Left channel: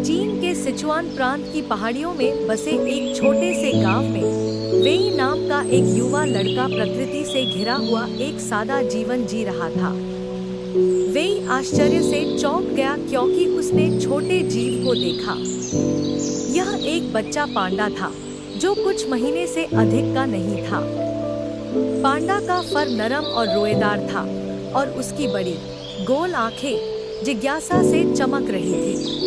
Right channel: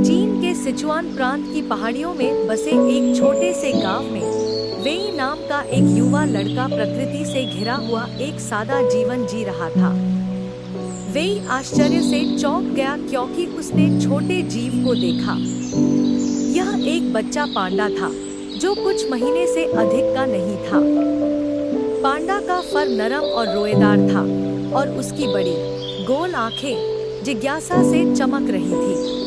चीन के सिचुआन प्रांत की पहाड़ियों में बसे एक छोटे से गांव में वेई नाम का एक युवा लड़का प्रकृति से घिरा हुआ एक सादा जीवन जी रहा था। वेई आश्चर्य से चौंक गया क्योंकि उसने छोटे जीव को देखा। यह एक बच्चा पांडा था जो कुछ महीने से अधिक का नहीं था। पांडा का फर नरम और रोएदार था और उसकी बड़ी गोल आंखें जिज्ञासा से चमक रही थी।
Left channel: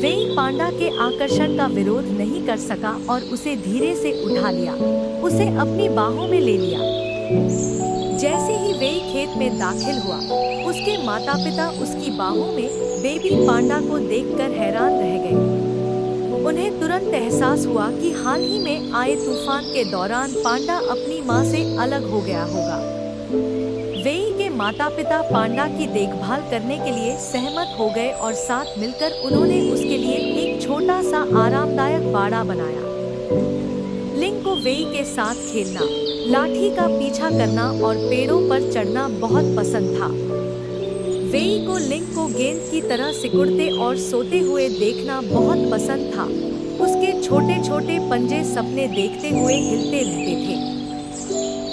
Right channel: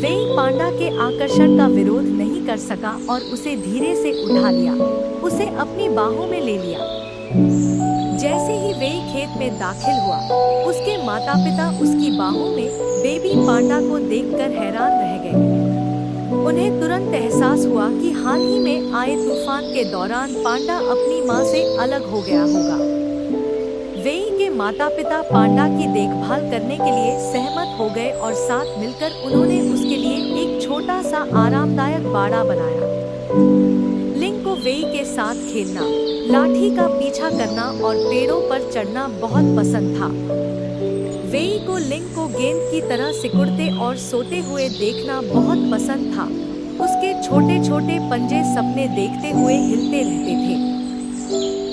वेई पांडा के आकर्षण का विरोध नहीं कर सका और उसे धीरे से उठा लिया, उसे अपनी बाहों में ले लिया। जैसे ही वेई खेत में दाखिल हुआ, उसके माता-पिता उसकी बाहों में बेबी पांडा को देखकर हैरान रह गए। उन्हें तुरंत एहसास हुआ कि हाल ही में आए तूफान के दौरान पांडा अपनी मां से अलग हो गया होगा। वेई के माता-पिता पांडा की देखभाल करने के लिए सहमत हो गए और साथ मिलकर उन्होंने उसके लिए एक छोटा सा आरामदायक बाड़ा बनाया। लिंग को वेई के साथ खेलना, लाठी का पीछा करना और पेड़ों पर चढ़ना बहुत पसंद था। वेई को लिंग को गेंद की तरह सिकुड़ते और सोते हुए देखना बहुत पसंद था। उसके छोटे-छोटे पंजे सपने देखते हुए हिलते रहते थे।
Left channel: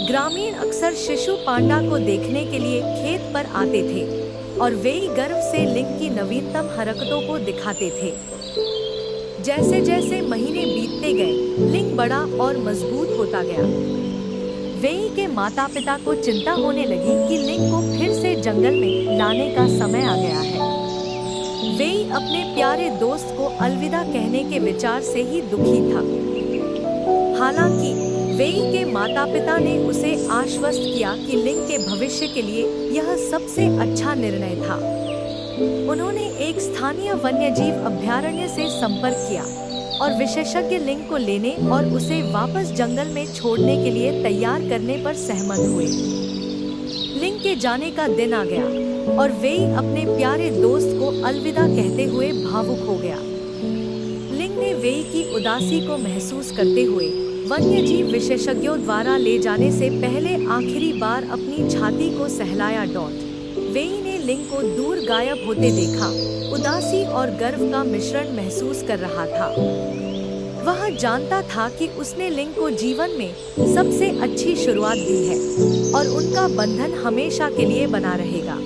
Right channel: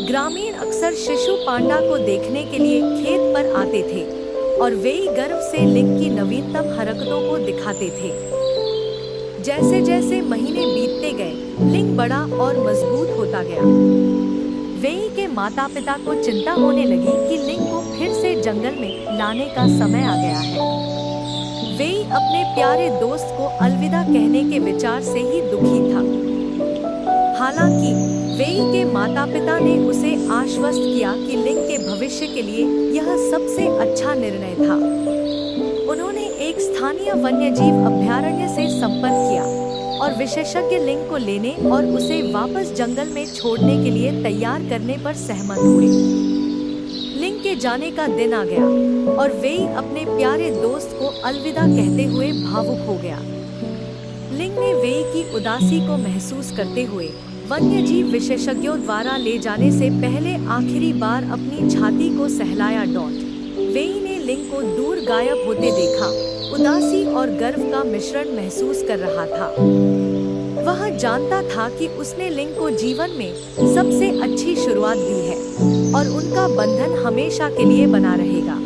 ग्रामीण अक्सर शिशु पांडा को देखने के लिए खेत पर आते थे और वेई गर्व से लिंग की नवीनतम हरकतों को दिखाते थे। जैसे जैसे महीने बीतते गए, लिंग बड़ा और मजबूत होता गया। वेई के माता-पिता को चिंता होने लगी कि लिंग को फिर से जंगल में लाने का समय आ गया है। वेई अपने प्यारे दोस्त को अलविदा कहने के विचार से ही दुखी था। हालांकि वेई के माता-पिता ने उसे आश्वस्त किया कि लिंग के भविष्य के लिए यह सबसे अच्छा निर्णय था। उन्होंने एक स्थानीय वन्यजीव अभयारण्य से संपर्क किया और विशेषज्ञ लिंग को लेने और उसे वापस जंगल में छोड़ने के लिए तैयार करने पर सहमत हुए। लिंग के जाने का दिन आ गया और वेई अपने प्यारे दोस्त को अलविदा कहते हुए भावुक हो गया। लिंग ने वेई की उदासी को महसूस करते हुए वन्यजीव विशेषज्ञों द्वारा ले जाने से पहले आखिरी बार अपनी छाती को सहलाया। वेई ने लिंग को दूर गायब होते देखा, उदासी और गर्व का मिश्रण महसूस कर रहा था। वह जानता था कि उसने लिंग को जीवन में सबसे अच्छी शुरुआत दी है और उनका बंधन हमेशा के लिए बना रहेगा।